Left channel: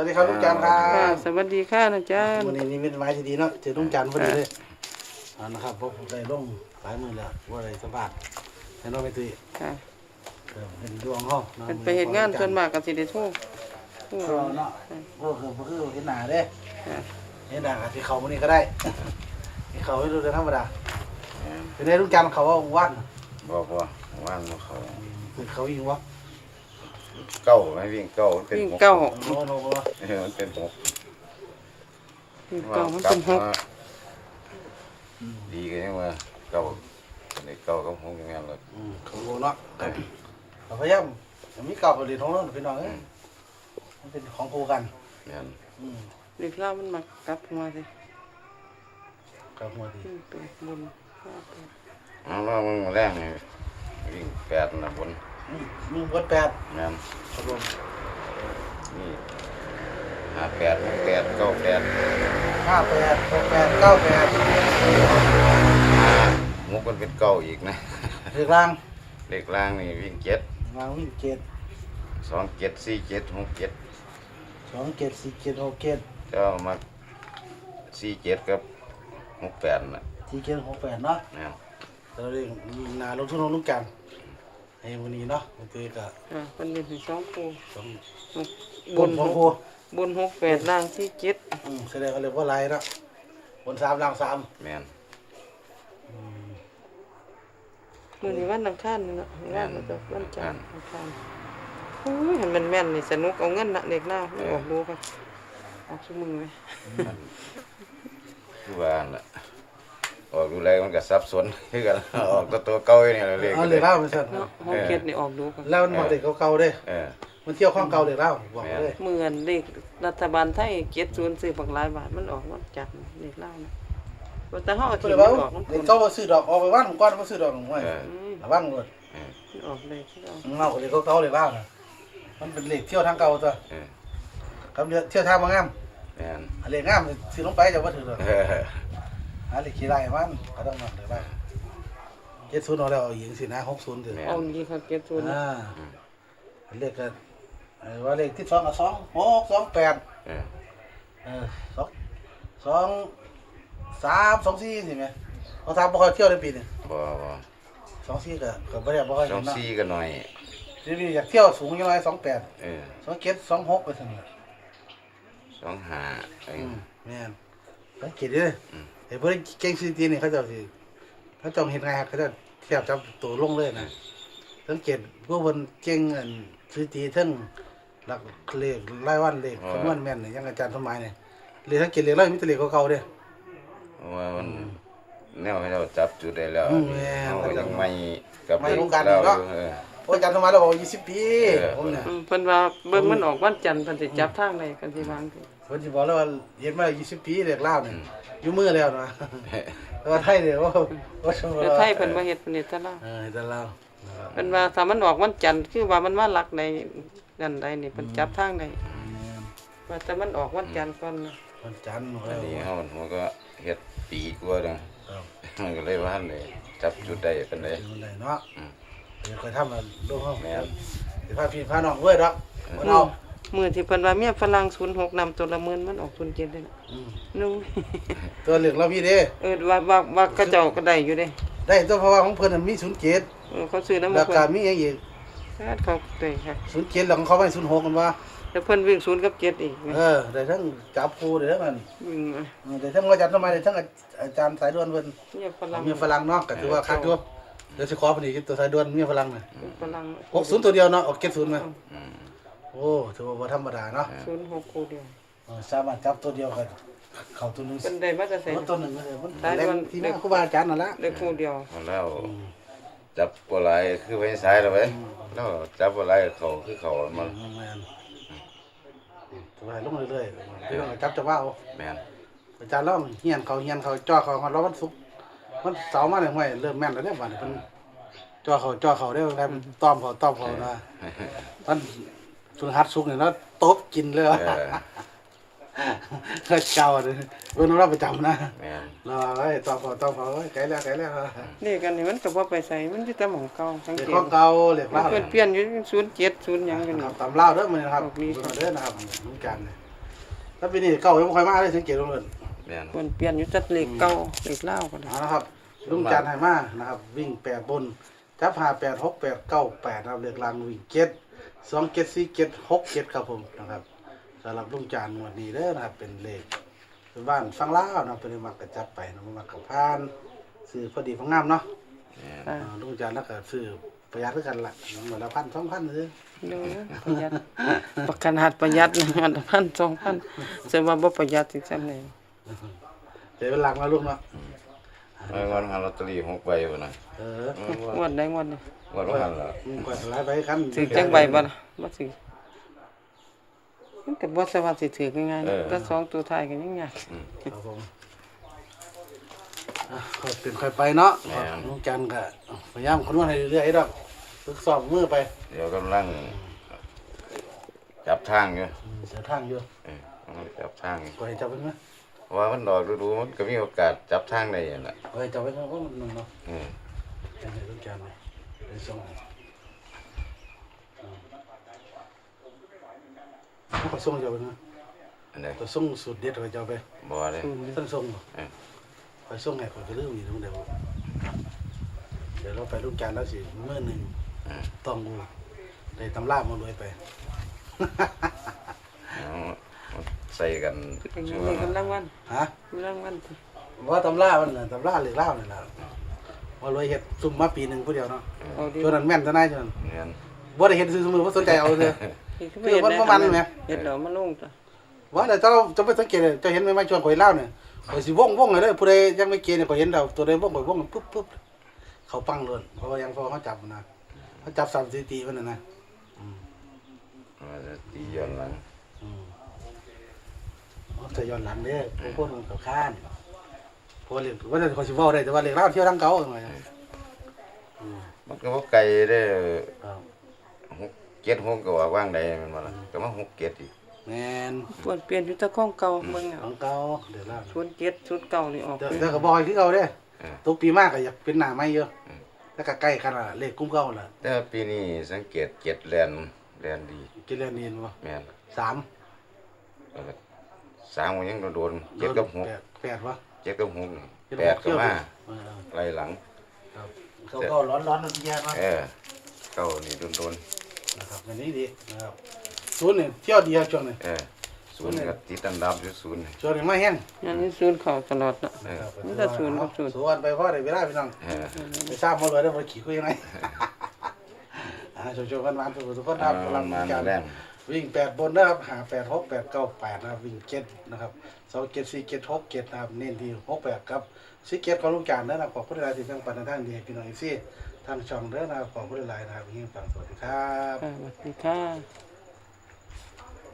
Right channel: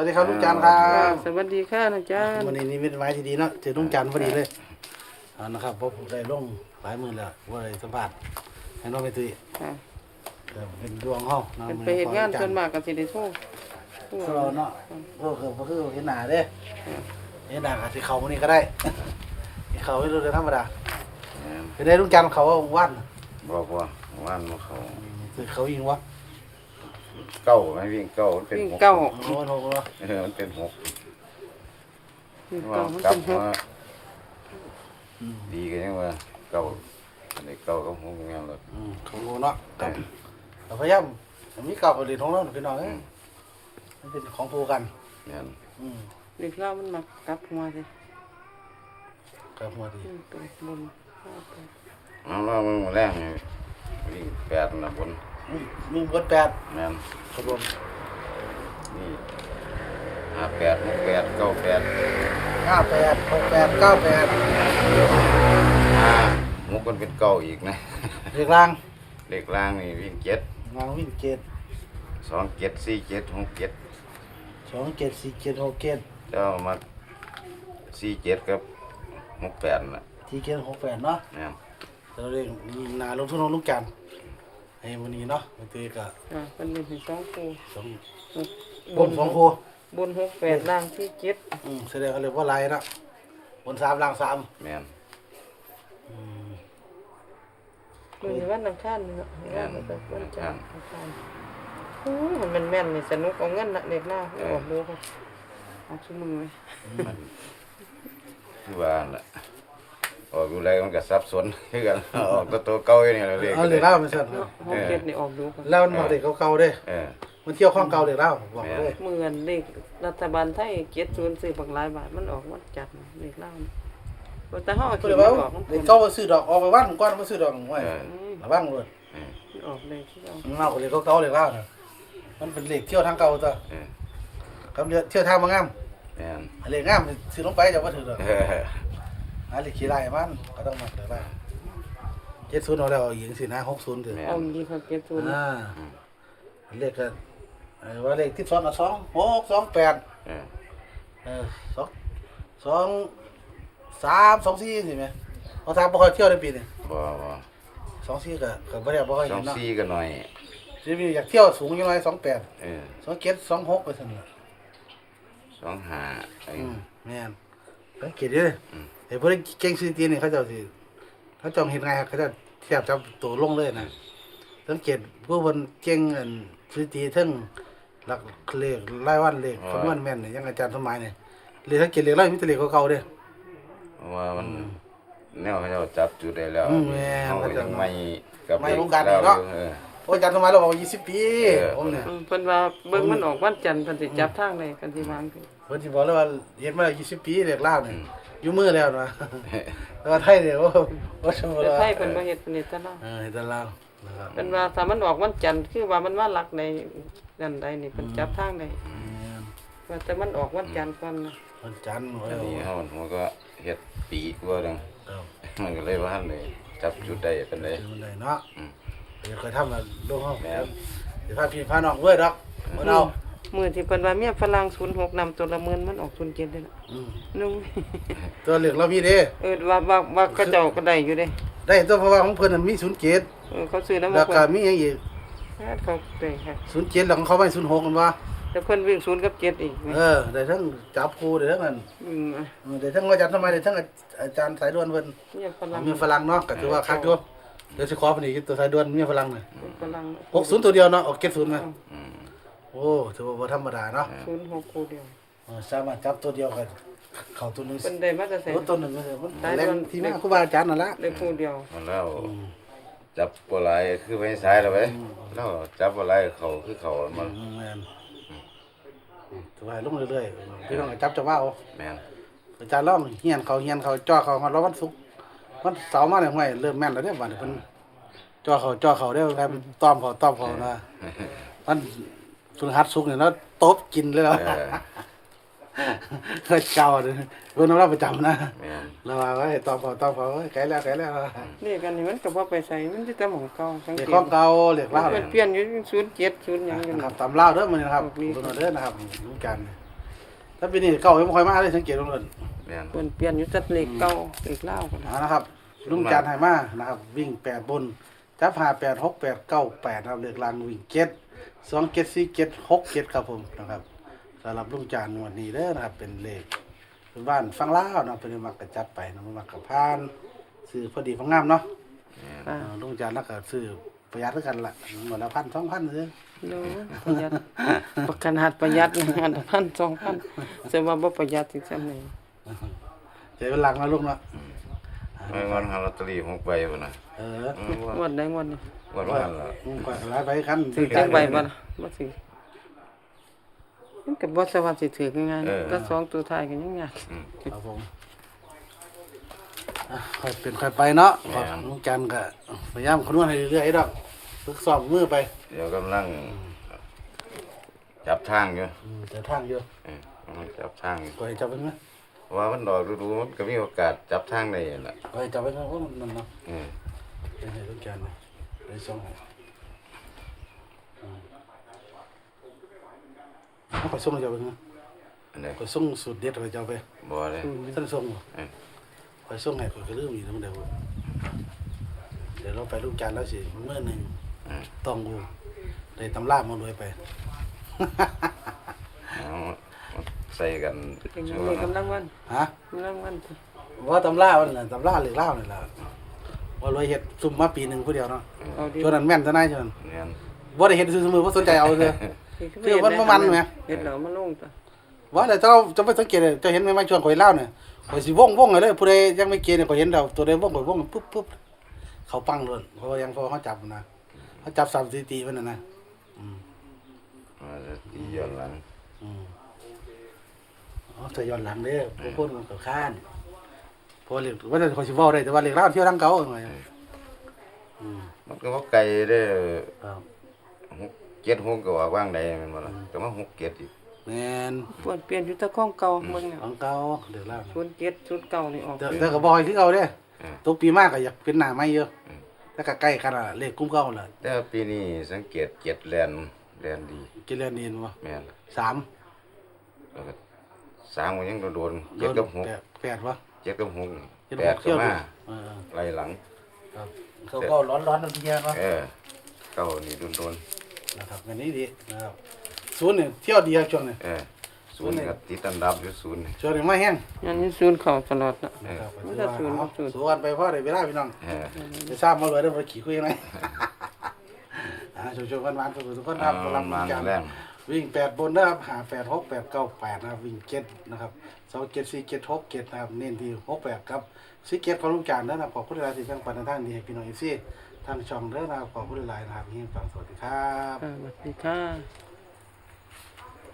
วัสดีครับลุงจันทร์ครั ค่ะ บ สวัสดีค่ะอาจารย์ วันนี้นี่เป็นไม้ที่ดีเนาะเจอลุงจันทร์พอดีเลยนะครับเพราะผมได้ลงหลายมือแล้วว่าได้สัมภาษณ์ให้น้องไปตุย ค่ะ เป็นดวงห้อง เป็นไปเฮ็ดงานเพิ่นมากก็สิได้โทร เนาะโอ้โหคือเห็นหน้าเด้ ค่ะ เห็นหน้าก็สิเข้ามื้อนี้ก็ได้เขาไม่รู้เรื่องธรรมดาเป็นได้ลุงจันทร์เขาว่าวัน บอกว่าว่านมาเขา คือเขายิงวะ เก้าไม่วิ่งเก้ามันเป็น วิ่ง หก เก้า โอ้โห มันเป็นหก วิ่ง ว่า เก้ามัน กลั เป็ บ นหก มาดีกันยังว่าเก้าอันนี้เก้าก็หกงานเลย ถูกเนาะเราพยายามผมมีเก่าประเด็นของเราพี่น้องมันเป็นของผูกัน งาน เด็กเล่ามันมากลับหัวสิ กับมาดี วิ่งไปบนห้าแปด เอาว่ามึงมาแรกนี่วิ่งแปดนะบน มีกดแปด งาน ขบวน นี่ห้าแปดหกแปดเก้าแปด 58 68 98 ห้าหกมันเป็นเก้าอีกนะ เรียกร่าง เลขล่างนี่วิ่งเจ็ด งานวิ่งเกต สองเจ็ดสี่เจ็ดหกเจ็ด 2เกต4เกต6เกต เจ้ามาสี่เจ็ดกับหกแปดน่ะ 4เกต68เนาะ งาน เราเรียกมีนาลงทุนลงลูกกันไอ้วันนี้เนาะมันตีกับ ค่ะมันเป็นให้สองคู่ บน2คู่ บนหกแปดล่างที่เจ็ด แสดงกันเลยว่าไรนะบน3ล่าง3 แมน มื้อนี้วันอังคารนี่เนาะวันแล้วก็วันจันทร์อังคารโอ้ยมันแม่นนี่สนุกเอาเงินน่ะเด็กเล่าไม่ออกดูค่ะออกซุมื้อเลย มันคือว่านั่นแหละออกดูแลมันก็สับสนคือกัน ออกตัวเก่าอยู่นี่แหละเรียก เอา กัน เล เลย ย เล่าไปสั่น เนาะห้องเจ็ดนี่ออกดูค่ะ แล้วมันมาเด็กเก่าๆเด้ เออ มันเที่ยวข้องเก่าเด็กเล่าบอกเลย เหมือนเลขรัฐบาลไทยเจ็ดศูนย์ซื้อบักหลายบาทมันออกวันจันทร์เลขเล่านะว่าแต่เฮาเอา ก็ ที่ เลย มั ว่าน ออกมัน เด็กเก่าซื้อดอกออกไปว่างก้อนมาซื้อดอกไว้ เออ ระวังเลย เออ มันออกเลยที่เรา เล่าเด็กเก่าเด็กเล่าเนี่ยมันเป็นเหล็กเที่ยวทางเก่าตัว เออ คำเที่ยวทางมางาม แม่น เหล็กงามซื้อลงไปจะว่าถือเลย เออ หาเหล็กขี้ไรมันก็ต้องมาเดี๋ยวได้70เอาแล้วหญิงสินะ60ถึง เอาดีค่ะเจ็ดศูนย์นะ เลขกันว่าเลขที่2กับ2 6 2 8 เออ 2 3 2 4สิแม่เอา3บ่ค่อยเที่ยวในปีนี้ บ่2 4ก็บ่ได้บ่ค่อย สอ เห็ ง นเนาะ สี่ก็หน่อย ทีนี้อยากเที่ยวสูงยังไง28 เออ 27 26ไปซั่นน่ะ สองห้าเออ แม่นสังเกตดิไอ้พวกเก่งสถิตินี่เขาเจ้าสิเขาจ้องเห็นไงครับเขาจะเทียบจับตัวลงเลยนะสังเกตพวกเพิ่นเก่งอันสถิติทั้งหลักเลขรายวันเลขคำนวณแม่นนี่อย่างอาจารย์สมัยนี่เลขสังเกตเลขร้อยมีแต่เลขเก่าๆเด้ เพราะว่ามันแนวให้เราจับจุดได้แล้ว แม่น เฮาก็ยังไม่กับ ไม่ เด็ก รู้กัน เรา เนาะ อยู่เออ โอ้อาจารย์สมัยเราบอกว่า20 ปี เออ ผมน่ะ เพิ่นว่าเบิ่งมันออกวันจันทร์เพิ่นสิจับทางใดกันสิวางสิ เพิ่นสิบอกแล้วว่าเฮ็ดมา20 ปีเลขลาวนี่อยู่มือแล้วนะแต่ว่าไทยเนี่ยโอ้ว่าสมมุติ แต่ ว่า ไทยเพิ่นบ่เฮ็ดนี่ตะลา แต่ลาวนะครับ เพิ่นว่าถ้ามันออกวันจันทร์คือว่ามันมาหลักในนั่นใดนี่เพิ่นจับทางใดว่าแต่มันออกวันจันทร์ก่อนนะ วันจันทร์ อันนี้เฮามันก็เฮ็ดปีกว่าจัง ครับ มันก็เลยว่าหั่นเลยจับจุดได้ปานใด ดูเลยเนาะ อืม เดี๋ยวเคยทำมาดูห้อง แม่น เดี๋ยวพาพี่พาน้องเว้ยดอกมาเอา มื้อที่เพิ่นว่าเมียฝรั่ง06นำตัวละหมื่นมันออก07ได้ล่ะนุ่ง ตัวเหลืองเราพี่เด้ ว่าเขาเจ้าก็ได้อยู่เด้ ได้ตัวเพราะว่าของเพิ่นมันมี07 เขาซื้อนำ แล้ว เพิ่ ก็ น มีอย่างอีก เขาเด้ค่ะ 07แล้วของเขาไป06กันว่า แล้วเพิ่นวิ่ง0กับ7อีก ได้ทั้งจับครูได้ทั้งนั้น วิ่ง ได้ทั้งอาจารย์ทำไมได้ทั้งอาจารย์สายด่วนเพิ่น เมียฝรั่ง มีฝรั่งเนาะก็ถือว่าคัดอยู่เดี๋ยวสิขอเพิ่นอีกตัวสายด่วนมีฝรั่งน่ะ ฝรั่ง 60ตัวเดียวเนาะออก70มั้ย อืม โอ้ถือว่าบ่ธรรมดาเนาะ 06คู่เดียว สามารถจับตัวเดียวกันเข้าตัวนึง เพิ่นได้มาแต่ไส โอ้ตัวนึงมันแรงที่แม่ครูบาอาจารย์นั่นละ ได้คู่เดียว เอาแล้วจับบ่หลายคือไปซ้ายแล้วไปแล้วจับบ่หลายเขาคือเขามัน ตัวให้ลงเรื่อยๆพี่น้องจับจะว่าเอา แม่น อาจารย์ร้องเฮียนเขาจ่อเขาฮอดวันศุกร์วันเสาร์มาเนี่ยห้วยเริ่มแม่นแล้วเด้อบัดนี้เพิ่นจ่อเขาได้ว่าต้อมเขามาวันพฤหัสศุกร์เนี่ยเนาะตบกินเลย เออ แล้วเก่าเด้อเพิ่นเราประจำนะ แม่น เราไว้ต้อมเขาไกลแล้ว นี่กันนี่มันก็บ่ไปใส่มันสิแต่หม่องเก่าสัง เด็ก เก ขอ ต งเก่าเด็กลาว เปลี่ยนอยู่07 0หยังจัง ครั นั้ บ น ตำลาวเด้อมื้อนี้นะครับเด้อนะครับเหมือนกัน ถ้าปีนี้เก่ายังบ่ค่อยมาเลยสังเกตดูเลย แม่น เปลี่ยนเปลี่ยนอยู่จัดเลขเก่าเลขเล่าวกัน นะครับลุงจานไหมานะครับวิ่ง8บนจับ5 8 6 8 9 8เราเลือกลางวิ่ง7 2 7 4 7 6 7ครับผมนะครับสำหรับลุงจานวันนี้เด้อนะครับเป็นเลขเป็นบ้านฟังลาวนะเป็นมักกระจับไปนะมักกระพานซื้อพอดีพองามเนาะ แม่น ค่ะ ลุงจานแล้วก็ซื้อประหยัดด้วยกันละหมดละ1,000 2,000ซื้อ ดูประหยัดประกันหัดประหยัดเลยมัน1,000 2,000จะว่าบ่ประหยัดจังซั่นเลย เดี๋ยวเป็นหลังมาลุงเนาะ ไม่วันหาลอตเตอรี่6ใบพุ่นน่ะ เออ งวดใดงวดนี้ วันว่าหั่นล่ะ ก็หลายใบคัน ถือจักใบบ่ล่ะบ่ถือมันก็บ่สวัสดิ์สิถือง่ายๆนะแต่สองตัวท้ายก็ยังยาก ครับผมค่อยเป็นค่อยไปเนาะลุงจันก็พยายามคำนวณให้เรื่อยๆดอกฝึกซ้อมมือไป เดี๋ยวกำลังจับทางอยู่ เสียทางอยู่ กำลังจับทางอยู่ ก็ให้จับไว้ไหม เพราะว่ามันดอกดูๆมันก็มีโอกาสจับทางได้นั่นล่ะ ก็ให้จับไว้เพราะว่ามันเนาะ อืม ให้ลุงจันเลยไปส่งให้เขาก็ส่งให้เจ้าไปนะ อันใด ก็ส่งสูตรเด็ดให้เจ้าไป บ่เลย ท่านส่ง เออ ไปส่งให้ก็ลืมอีกทั้งเดียวเดี๋ยวเราไปลุงจันแล้วสิมื้อหนึง อ่า ต้องดูได้ตำรามาด้วยไป เอามาใส่กัน เป็น ช่ว เล ง ขกำลังวัน ฮะ กำลังวันสิ ว่าตำรามันน่ะตำราเหล็กเล่านี่แหละว่าเลยเฮ็ดซุ่มมาปีหนึ่งผู้เดียวเนาะ เอาดิ ช่วงนั้นแม่นซะนายช่วงนั้น เนียน ว่าได้เฮ็ดซื้อสมือว่าสนใจเอาเลย คือบ่เฮ็ดได้ คือมันบ่มันไหม เฮ็ดแล้วมาลงจ้ะ ว่าแต่เจ้าจะไปสังเกตเลยเจะเห็นไหมมาช่วงข่อยเล่าเนี่ยข่อยสิวงเลยผู้ใดยังไม่เกณฑ์เนี่ยข่อยเห็นเราตัวใดวงข่อยวงปุ๊บเขาปังเลยเพราะว่ายังพอเขาจับนะเขาจับสถิติมันน่ะนะ มาจะตีย้อนหลัง เขาจะย้อนหลังเด้อพวกคนมันก็ค้านเพราะว่าเรียกว่าแต่ข่อยสิเว้าได้แต่ว่าเรียกเล่าเที่ยวทางเก่าหน่อย มันก็บ่ไกลเด้อ ครับ 6 7 6ก็ว่าว่างใดแมันบ่ล่ะก็มา6 7อีก แม่น เปลี่ยนอยู่แต่ของเก่าเบิ่งแล้ว ของเก่าเดี๋ยวล่า ชุดเก็ดชุดเก่านี่ออก แต่ก็บอกให้คือเก่าเด้ เออ ทุกปีมากก็อยากเป็นหน้าใหม่เยอะแล้วก็ใกล้กันล่ะเลขกุ้มเก่าล่ะ แต่ว่าปีนี้สังเกต7แลนดี กินแล้วนี่บ่ แม่น 3 แล้วก็3ก็ยังโดนๆ7กับ6 8บ่ 7กับ6นี่8ก็มา เออ ไล่หลัง ครับเขาร้อนๆนั่นทีเดียวนะ เก้านี่โดน นะครับอันนี้ดีนะครับศูนย์เนี่ยเที่ยวเดียวช่วงนี้ ศูนย์ก็ติดอันดับอยู่ศูนย์นี่ ช่วงนี้ไม่แห้ง อันนี้ศูนย์เข้าตลอดเนาะ ครับ มันจะศูนย์กับศูนย์ ศูนย์ไปเพราะอะไรไม่ได้พี่น้อง เออ ไปทราบมาเลยได้ไปขี่คุยยังไงโชว์ๆกันหวานทุกคนครับ มันมาแรง วิ่ง8บนนะครับหา8 6 8 9 8นะครับวิ่ง7นะครับ2 7 4 7 6 7นะครับเน้นที่6 8ครับ4 7ของลูกจานนะครับขอบคุณหลายที่ทั้งปันทั้งดีให้พี่น้องเอฟซีทางช่องเด้อนะครับขอบคุณหลายนะครับที่ฟังสวัสดีครับ สวัสดีค่ะ